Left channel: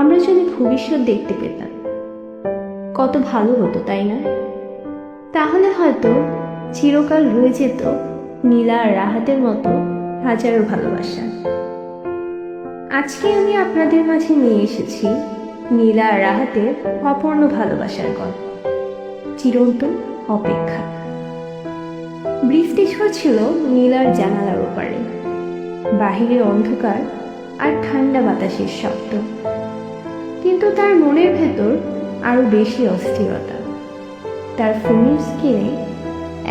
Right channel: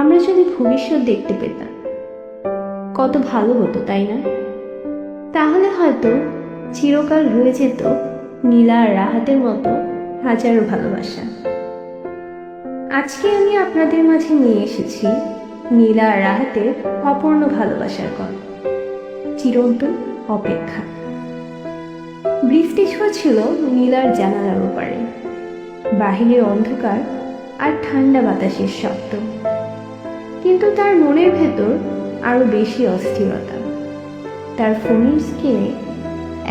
আমরা যদি ভবিষ্যৎ দেখতে পেতাম কত ভালো হতো, তাই না? তাহলে হয়তো চিরকাল রয়ে যেত নীলা আর রাহাতের মতো হাজারো ভালোবাসা। আজকে আমি আপনাদের মাঝে নিয়ে এসেছি নীলা আর রাহাতের অপূর্ণ ভালোবাসার গল্প, চিরন্তন অপেক্ষা। বৃষ্টি ঝরছিল নীলার জানালার ওপারে, বাহিরে অন্ধকার আর ঠান্ডা বাতাসের শব্দ, কিন্তু তার মনের ভেতর আরো বেশি অস্থিরতা। তার ফোনের স্ক্রিনে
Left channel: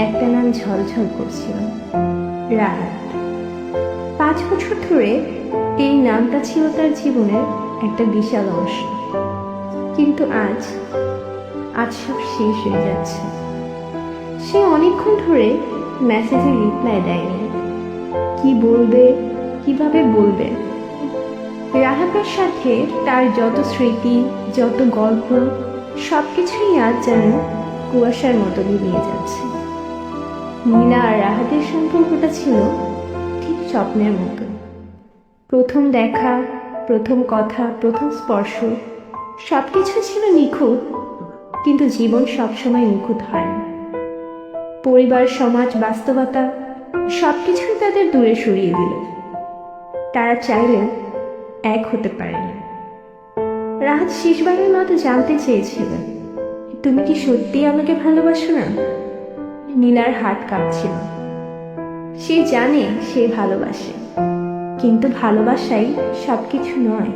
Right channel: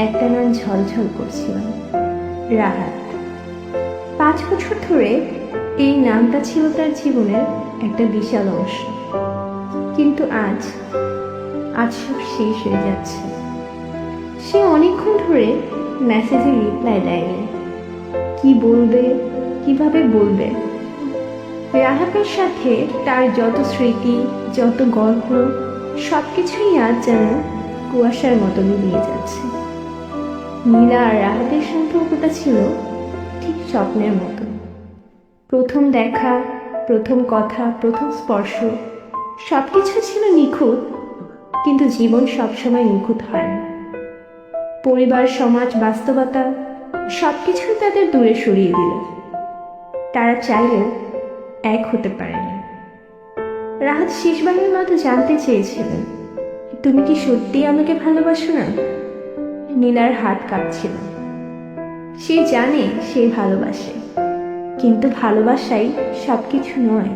একটা নাম ঝলঝল করছিল, রাহাত। 5 বছর ধরে এই নামটা ছিল তার জীবনের একটা বিশাল অংশ, কিন্তু আজ সব শেষ হয়ে যাচ্ছে। সে অনেকক্ষণ ধরে মেসেজের রিপ্লাই দেয়নি। কি বলবে, কিভাবে বলবে? রাহাতের সাথে তার যত স্মৃতি, যত গল্প, সবকিছুই আজ যেন কুয়াশার মতো মিলিয়ে যাচ্ছে। নীলা আর রাহাতের সম্পর্কটা ছিল ঠিক স্বপ্নের মতো। প্রথম দেখা, প্রথম কথা, প্রথম স্পর্শ, সবকিছু ছিল নিখুঁত, কিন্তু জীবন সবসময় নিখুঁত হয় না। পরিবার, সমাজ, বাস্তবতা সবকিছুই তাদের দূরে সরিয়ে দিল। তারা চাইলেও এক হতে পারেনি। রাহাত শেষবারের মতো জানতে চেয়েছিল, তুমি কি সত্যি আমাকে ভালোবাসো না? নীলার হাত কাঁপছিল। সে জানে সে ভালোবাসে, কিন্তু ভালোবাসাই সবকিছু নয়।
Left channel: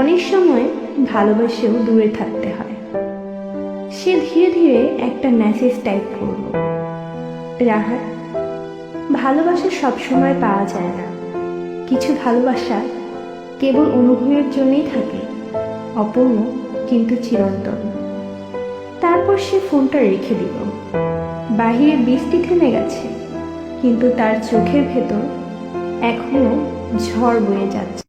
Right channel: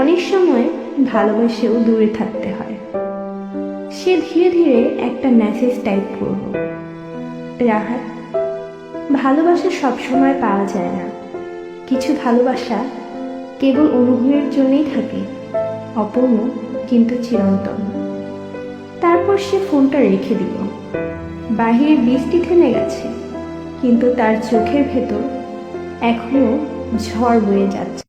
অনেক সময় ভালোবাসেও দূরে থাকতে হয়। সে ধীরে ধীরে একটা মেসেজ টাইপ করল, রাহাত, ভালোবাসা সবসময় পাওয়া যায় না। কিছু ভালোবাসা কেবল অনুভবের জন্যই থাকে, অপূর্ণ কিন্তু চিরন্তন। তারপর সে ফোনটা রেখে দিল। বাহিরে বৃষ্টি থেমে গেছে, কিন্তু তার চোখের ভেতর এখনো ঝড় বয়ে যাচ্ছে।